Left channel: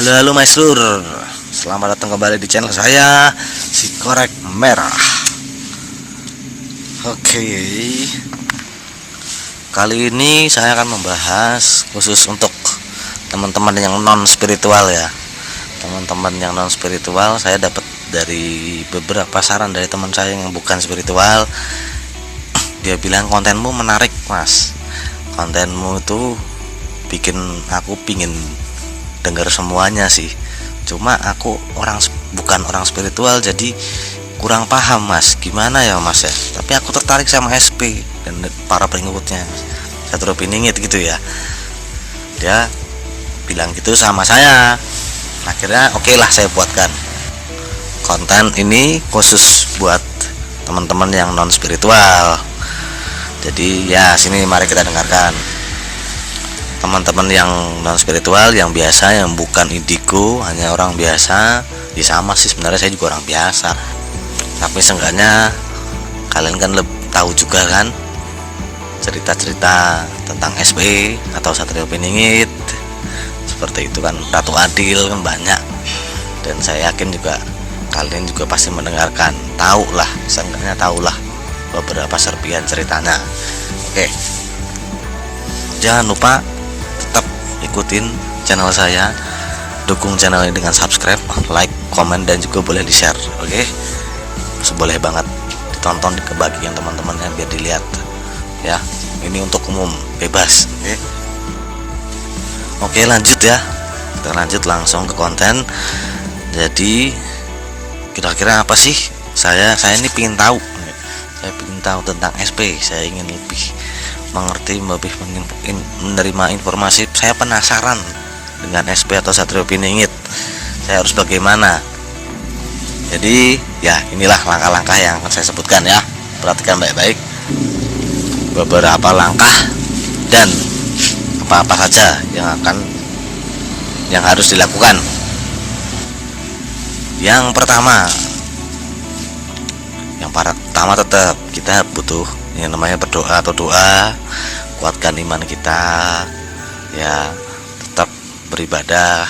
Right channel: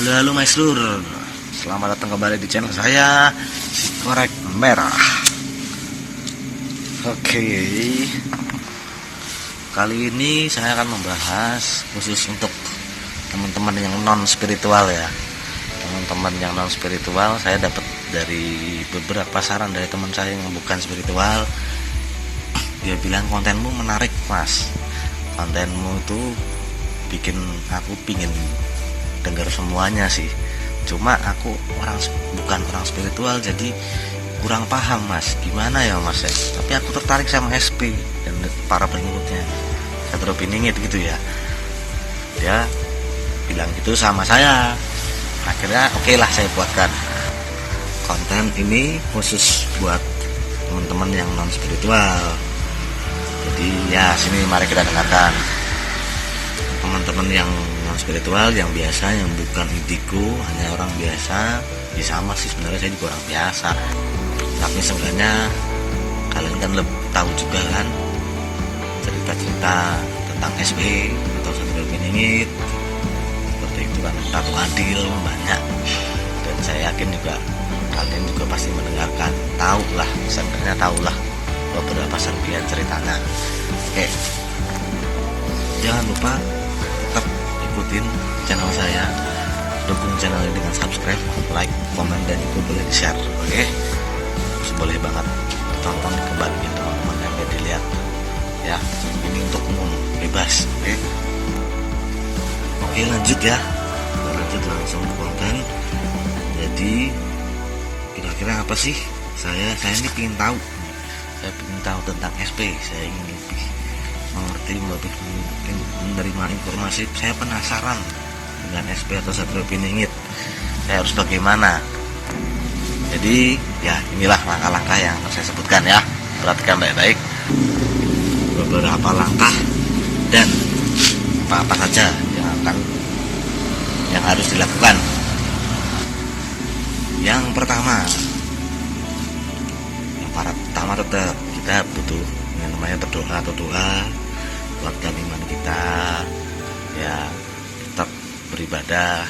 Halo halo Maestur, selamat datang kembali di channel saya, si Korek Merah. Oke, kali ini saya akan membahas khusus untuk teman-teman yang non spiritual ya. Teman-teman yang non spiritual, saya dapat dari beberapa saran dari teman saya yang bukan spiritual. Dia bilang kontenmu menarik mas, kontenmu itu bikin aku pingin dengar semuanya sih. Cuma aku bukan orang spiritual, jadi kurang paham mas, gimana ya mas ya. Tapi aku tertarik sama SP dan para pengikutnya Satrio Piningit gitu ya. Dia bilang gitu sama saya. Akhirnya oke lah, saya buatkan konten ini khusus buat teman-teman yang non spiritual. Jadi ya sini mari kita dengarkan. Teman-teman yang non spiritual, yang biasa, yang bukan indigo, hanya orang biasa. Ya sama sih sebenarnya, saya juga orang biasa. Tapi seenggaknya kalian kan tahu juga kan cerita-cerita tentang SP atau Satrio Piningit. Seperti itu kan, Ratu Adil kan banyak. Dan saya yakin juga kalian juga pasti mendengarkan, tahulah, seenggaknya tahulah beberapa serpihan ceritanya. Oke, jangan lupa tetap ikutin channel saya, dukung channel ini dengan subscribe, like, komen, dan juga boleh di share. Oke, boleh banget ditonton ke bagian teman-temannya biar dilihat ya. Ini untuk umum, bebas. Oke, lanjut ya, kita lanjut langsung ke konten. Jadi kira-kira apa sih, saya ini ingin tahu. Saya ingin tahu tentang SP, saya ingin lebih mengerti, lebih menerima informasi. Saya penasaran dengan SP atau Satrio Piningit, saya harus bagaimana. Jadi ya inilah langkah-langkah yang akan saya sebutkan ya. Perhatikan baik-baik beberapa langkah dan apa-apa saja yang harus dilakukan. Yang pertama tetap kita butuh yang namanya berdoa atau doa, kuatkan iman kita ya, tetap beribadah.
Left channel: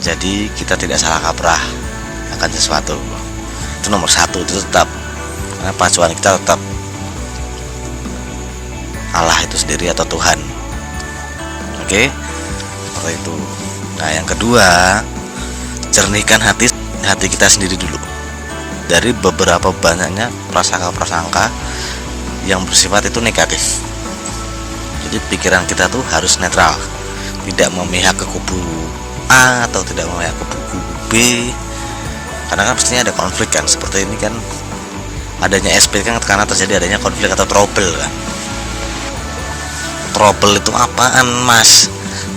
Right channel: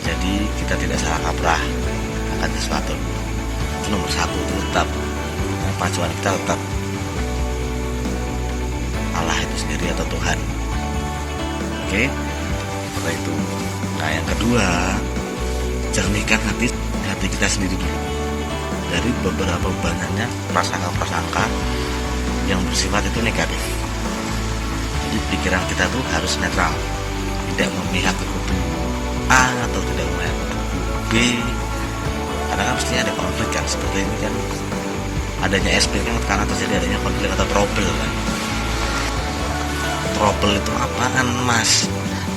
Jadi kita tidak salah kaprah akan sesuatu, itu nomor satu, itu tetap, karena pacuan kita tetap Allah itu sendiri atau Tuhan. Oke, seperti itu. Nah yang kedua, jernihkan hati kita sendiri dulu dari beberapa banyaknya prasangka-prasangka yang bersifat itu negatif. Jadi pikiran kita tuh harus netral, tidak memihak ke kubu A atau tidak memihak ke kubu B, karena kan pastinya ada konflik kan. Seperti ini kan adanya SP kan karena terjadi adanya konflik atau trouble kan. Trouble itu apaan mas?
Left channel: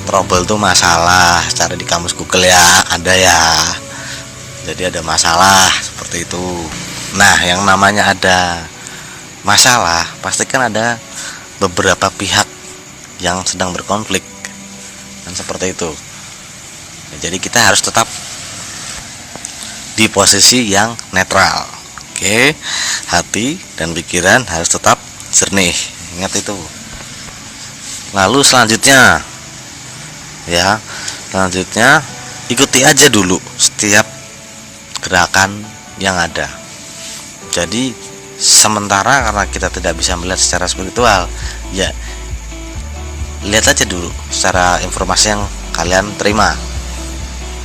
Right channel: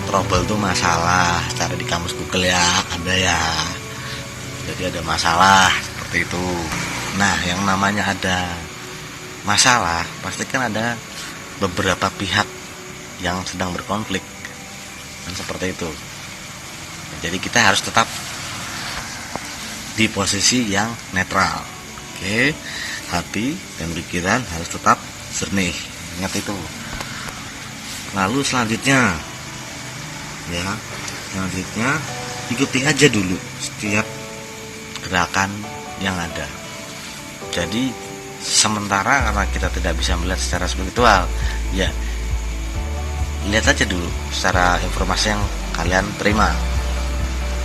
Trouble itu masalah, cari di kamus Google ya, ada ya. Jadi ada masalah seperti itu. Nah yang namanya ada masalah pasti kan ada beberapa pihak yang sedang berkonflik dan seperti itu. Nah, jadi kita harus tetap di posisi yang netral. Oke, hati dan pikiran harus tetap jernih, ingat itu. Lalu selanjutnya ikuti aja dulu setiap gerakan yang ada. Jadi sementara karena kita tidak bisa melihat secara spiritual, ya lihat aja dulu secara informasi yang kalian terima,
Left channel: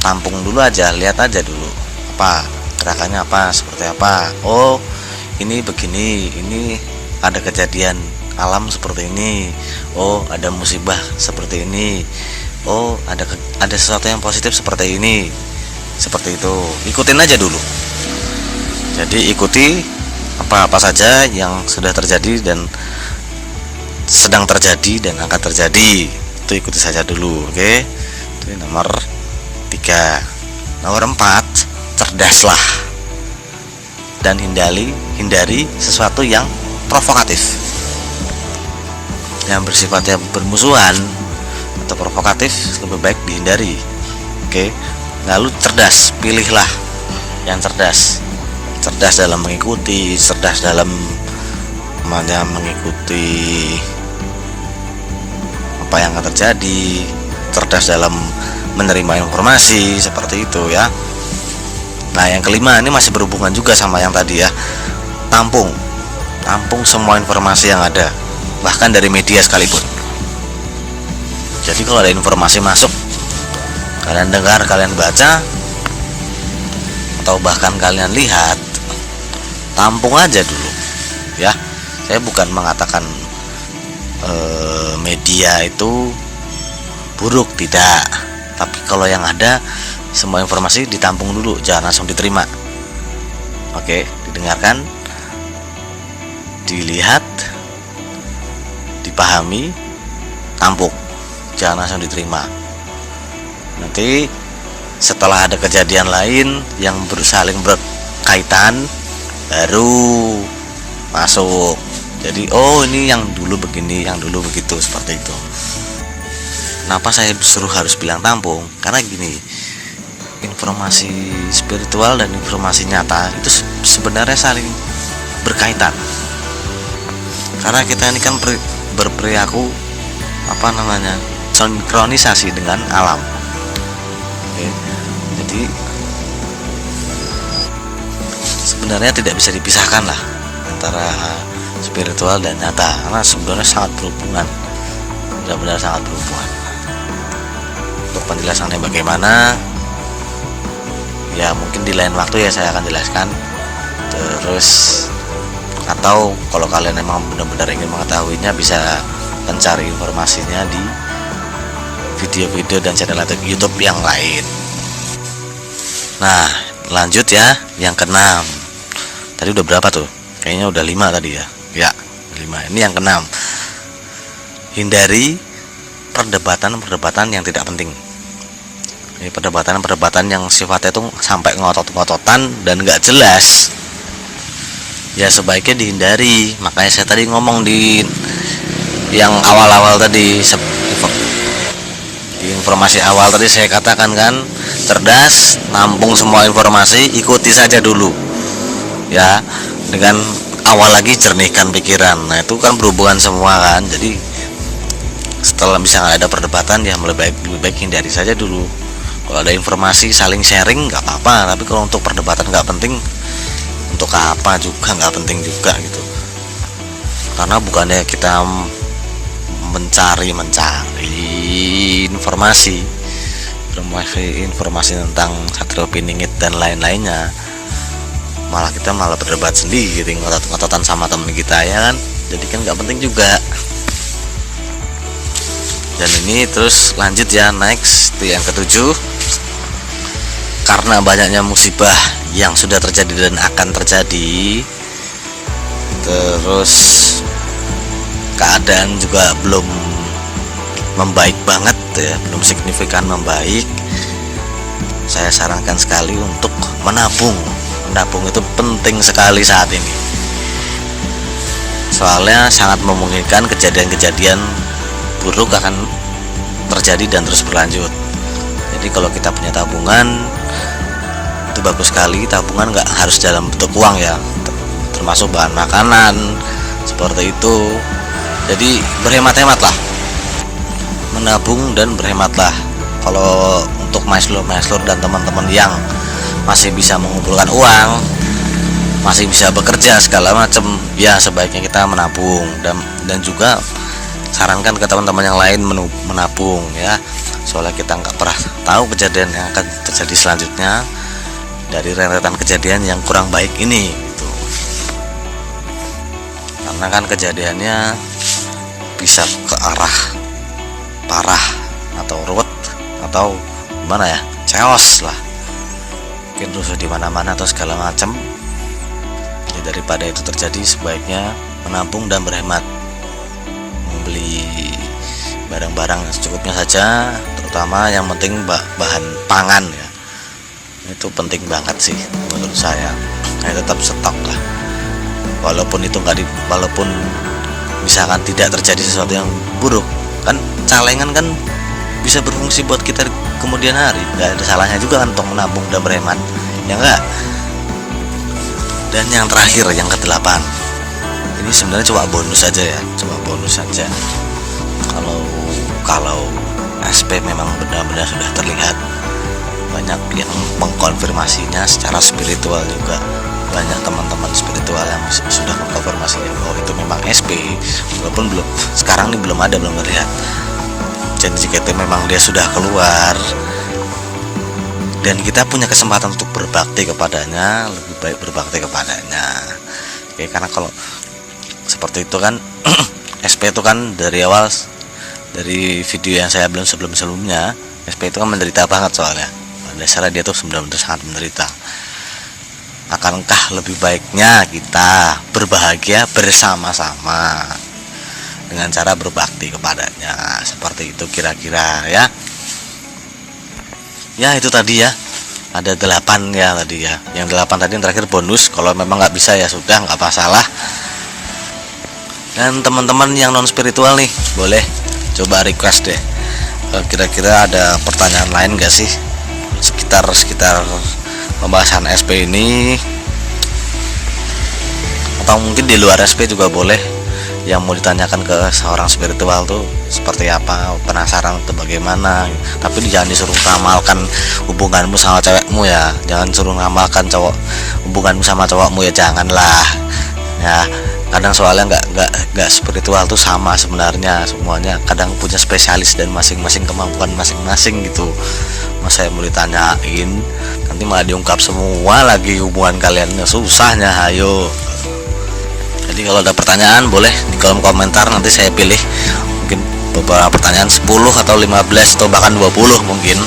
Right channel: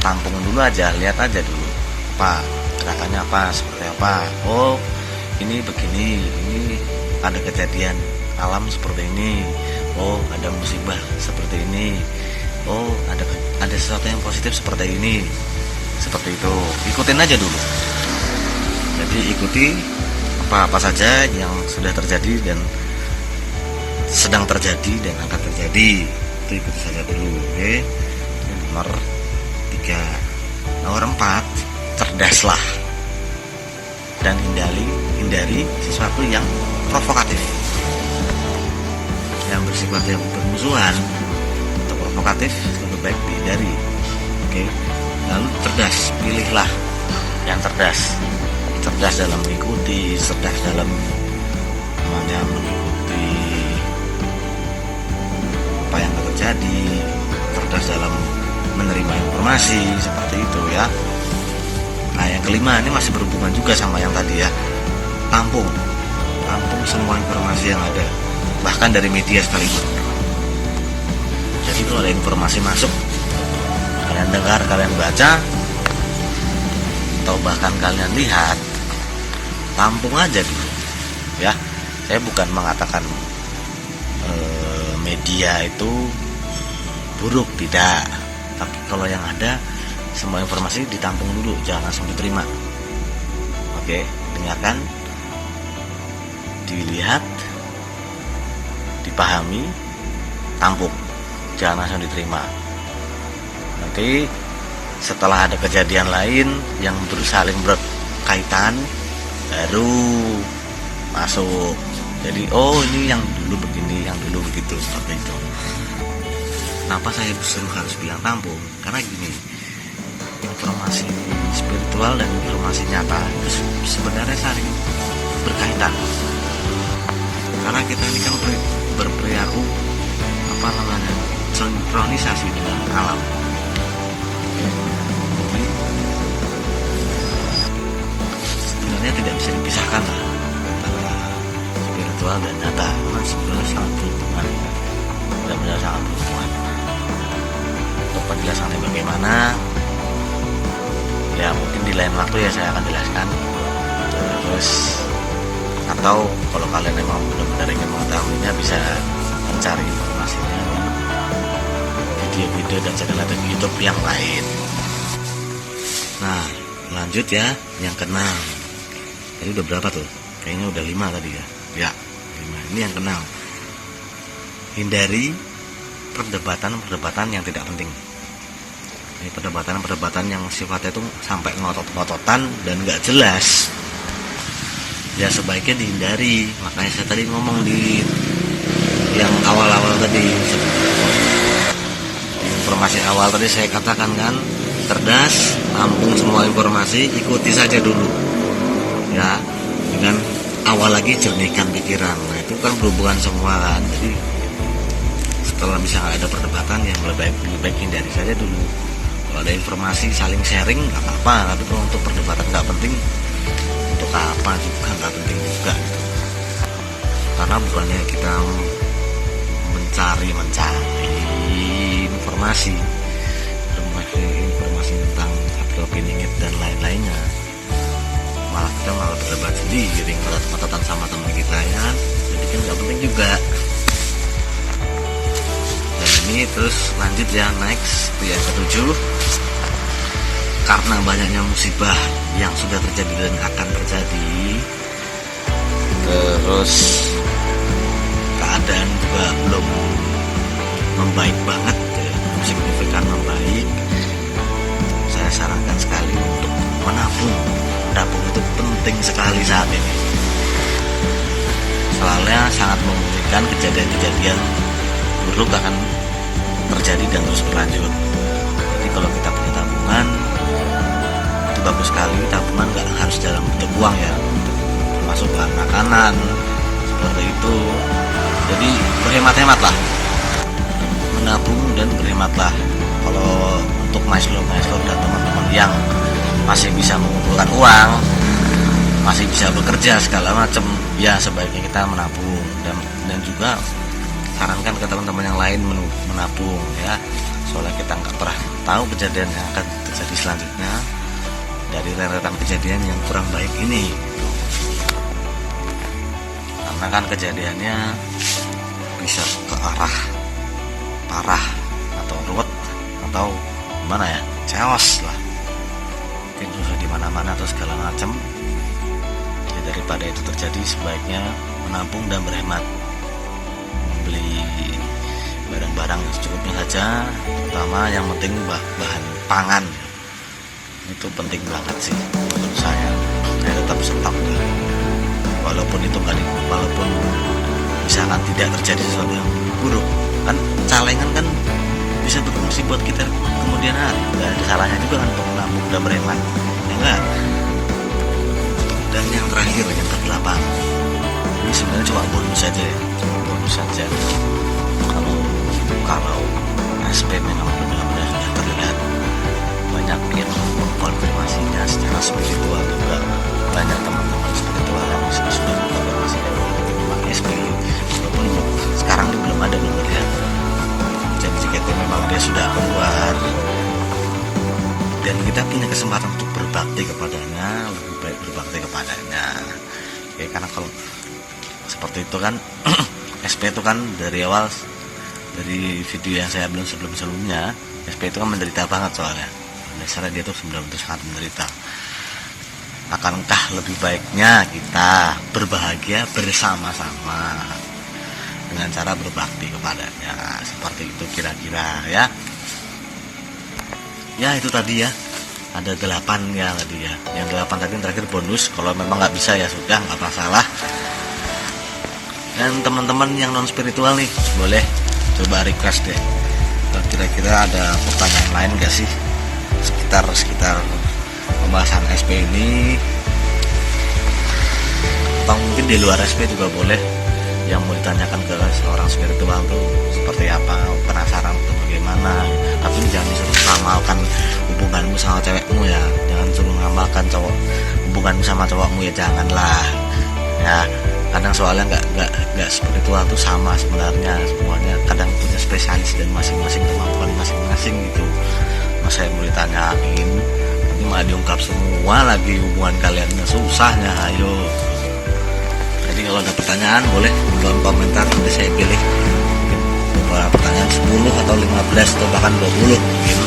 tampung dulu aja, lihat aja dulu apa gerakannya, apa seperti apa. Oh ini begini, ini ada kejadian alam seperti ini, oh ada musibah seperti ini, oh ada sesuatu yang positif seperti ini. Seperti itu, ikutin aja dulu. Jadi ikuti apa-apa saja yang sudah terjadi dan sedang terjadi dan akan terjadi, itu ikuti saja dulu. Oke, ini nomor 3. Nomor 4, cerdaslah dan hindari sesuatu yang provokatif, yang bersifatnya bermusuhan atau provokatif, lebih baik dihindari. Oke, lalu cerdas, pilihlah yang cerdas dalam mengikuti, cerdas dalam mengikuti apa yang akan terjadi, cerdas dalam menerima informasi seperti itu ya. Nah, yang kelima ini masih berhubungan juga sama yang tadi ya. Tampung semua informasi yang ada, bahkan dari media sekalipun. Jadi kalau ada informasi masuk, kalian dengar, kalian baca, atau bahkan kalian lihat, tampung aja dulu ya. Saya bukan mengatakan media itu buruk, tidak. Tapi kalau yang ada, semua informasi ditampung dulu, jangan langsung diterima. Oke, didengarkan, dilihat, dipahami, tampung, jangan langsung diterima. Nanti setelah ada kejadian lain yang saling berkaitan, baru masuk. Jadi oh ini yang dulu begini, yang dulu begitu, seperti itu. Kenapa saya disuruh harus bilang tampung? Karena gini, informasi spiritual dan informasi nyata itu sebenarnya saling berkaitan. Karena kita ini kan berperilaku sinkronisasi dengan alam. Oke. Jadi sebenarnya tidak bisa dipisahkan lah antara spiritual dan nyata, karena sebenarnya sangat berhubungan, benar-benar sangat berhubungan. Untuk penjelasannya bagaimana, ya mungkin di lain waktu ya saya akan jelaskan. Terus atau kalau kalian memang benar-benar ingin mengetahuinya, bisa mencari informasinya di video-video dan channel YouTube yang lain. Nah, lanjut ya, yang keenam. Tadi udah berapa tuh? Kayaknya udah 5 tadi ya. Ya, 5. Ini yang keenam. Hindari perdebatan yang tidak penting. Ini perdebatan yang sifatnya itu sampai ngotot-ngototan dan nggak jelas. Ya sebaiknya dihindari. Makanya saya tadi ngomong di yang awal-awal tadi, di informasi awal tadi saya katakan kan, cerdas, nampung semua informasi, ikuti saja dulu. Ya, dengan awal lagi jernihkan pikiran. Nah itu kan berhubungan semua kan. Jadi setelah misalnya ada perdebatan, ya lebih baik hindari saja dulu. Kalau ada informasi saling sharing nggak apa-apa, tapi kalau untuk perdebatan nggak penting, untuk apa juga nggak penting juga gitu. Karena bukannya kita mencari informasi tentang Satrio Piningit dan lain-lainnya, malah kita berdebat sendiri, ngotot-ngototan sama teman kita ya kan. Jadi kan nggak penting juga. Dan ini terus lanjut ya, next itu yang ketujuh. Karena banyaknya musibah yang sudah terjadi dan akan terjadi, terus keadaan juga belum membaik banget ya, belum signifikan membaik. Saya sarankan sekali untuk menabung. Menabung itu penting sekali saat ini. Soalnya sangat memungkinkan kejadian-kejadian buruk akan terjadi dan terus berlanjut. Jadi kalau kita punya tabungan itu bagus sekali. Tabungan nggak harus dalam bentuk uang ya, termasuk bahan makanan seperti itu. Jadi berhemat-hematlah, menabung dan berhematlah. Kalau untuk maestro dan teman-teman yang masih bisa mengumpulkan uang, masih bisa bekerja segala macam, ya sebaiknya kita menabung. Dan juga sarankan ke teman-teman yang lain menabung ya. Soalnya kita nggak pernah tahu kejadian yang akan terjadi selanjutnya dari rentetan kejadian yang kurang baik ini gitu. Karena kan kejadiannya bisa ke arah parah atau ruwet atau gimana ya, chaos lah, mungkin rusuh di mana-mana atau segala macam. Jadi daripada itu terjadi, sebaiknya menabung dan berhemat, membeli barang-barang secukupnya saja, terutama yang penting bahan pangan ya. Itu penting banget sih menurut saya. Tetap stok lah, walaupun itu walaupun misalkan tidak terjadi sesuatu yang buruk, kan calengan kan bisa berfungsi buat kita kemudian hari. Nggak ada salahnya juga kan untuk menabung dan berhemat, ya enggak. Dan yang terakhir, yang ke-8, ini sebenarnya cuma bonus saja ya, cuma bonus saja. Kalau SP memang benar-benar sudah terlihat. Banyak yang mengkonfirmasinya secara spiritual juga. Banyak teman-teman spiritual yang sudah mengkonfirmasi bahwa itu memang SP, walaupun sekarang ini belum terlihat. Jadi jika itu memang dia sudah keluar dan kita punya kesempatan untuk berbakti kepadanya, lebih baik berbakti kepadanya. Oke, karena kalau seperti itu kan SP itu kan dari awal, dari video yang saya belum sebelumnya, SP itu kan menderita banget soalnya. Dasarnya dia tuh benar-benar sangat menderita. Akankah lebih baiknya kita berbahagia bersama-sama dengan cara berbakti kepadanya, seperti itu kira-kira ya. Ya itu tadi ya, ada 8 ya tadi ya. Yang 8 tadi yang terakhir bonus. Kalau memang nggak bisa ya sudah, nggak masalah. Dan teman-teman yang non spiritual nih, boleh coba request deh, kira-kira ada pertanyaan lain gak sih sekitar pembahasan SP ini, atau mungkin di luar SP juga boleh yang mau ditanyakan ke seorang spiritual tuh seperti apa, penasaran atau bagaimana. Tapi jangan disuruh ngamalkan hubunganmu sama cewekmu ya, jangan suruh ngamalkan hubunganmu sama cowokmu ya, janganlah ya. Kadang soalnya nggak spiritual tuh sama sebenarnya, semuanya kadang punya spesialis dan masing-masing kemampuan masing-masing gitu. Masa yang mau ditanyain nanti malah diungkap semua lagi hubungan kalian, susahnya. Ayo, jadi kalau ada pertanyaan boleh di kolom komentar, nanti saya pilih mungkin beberapa pertanyaan 10 atau 15 atau bahkan 20 mungkin.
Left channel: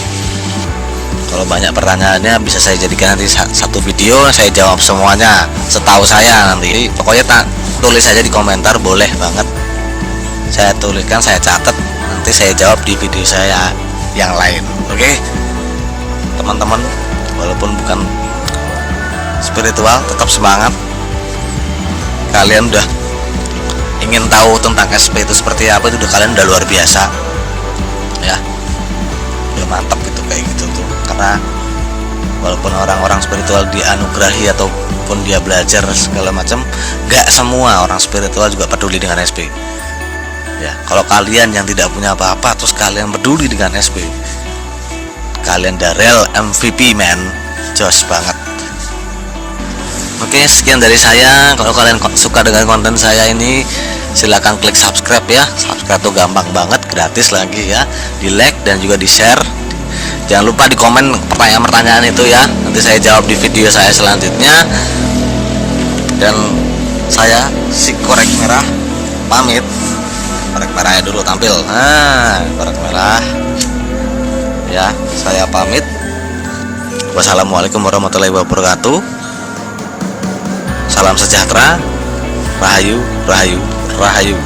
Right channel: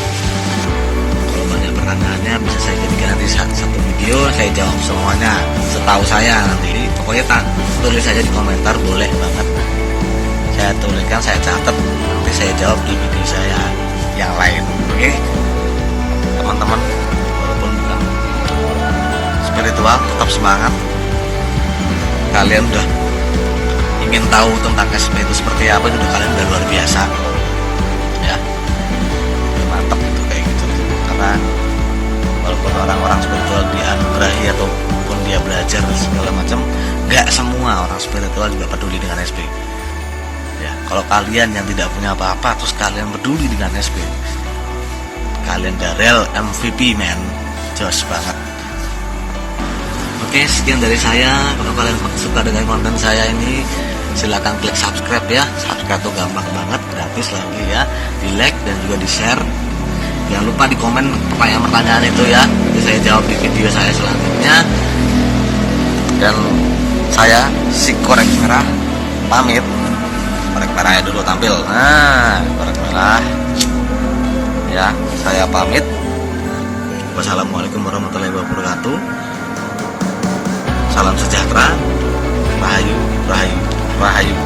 Kalau banyak pertanyaannya bisa saya jadikan nanti satu video, saya jawab semuanya setahu saya nanti. Pokoknya tulis saja di komentar, boleh banget. Saya tuliskan, saya catat, nanti saya jawab di video saya yang lain. Oke, teman-teman, walaupun bukan spiritual tetap semangat. Kalian udah ingin tahu tentang SP itu seperti apa, itu kalian udah luar biasa ya, udah mantap gitu kayak gitu tuh. Karena walaupun orang-orang spiritual dianugerahi ataupun dia belajar segala macam, nggak semua orang spiritual juga peduli dengan SP ya. Kalau kalian yang tidak punya apa-apa terus kalian peduli dengan SP, kalian the real MVP man, jos banget. Oke, sekian dari saya. Kalau kalian suka dengan konten saya ini, silahkan klik subscribe ya. Subscribe tuh gampang banget, gratis lagi ya. Di like dan juga di share. Jangan lupa di komen pertanyaan-pertanyaan itu ya, nanti saya jawab di video saya selanjutnya. Dan saya si korek merah pamit. Korek merahnya dulu tampil. Nah, korek merah ya, saya pamit. Wassalamualaikum warahmatullahi wabarakatuh. Salam sejahtera. Rahayu, rahayu, rahayu.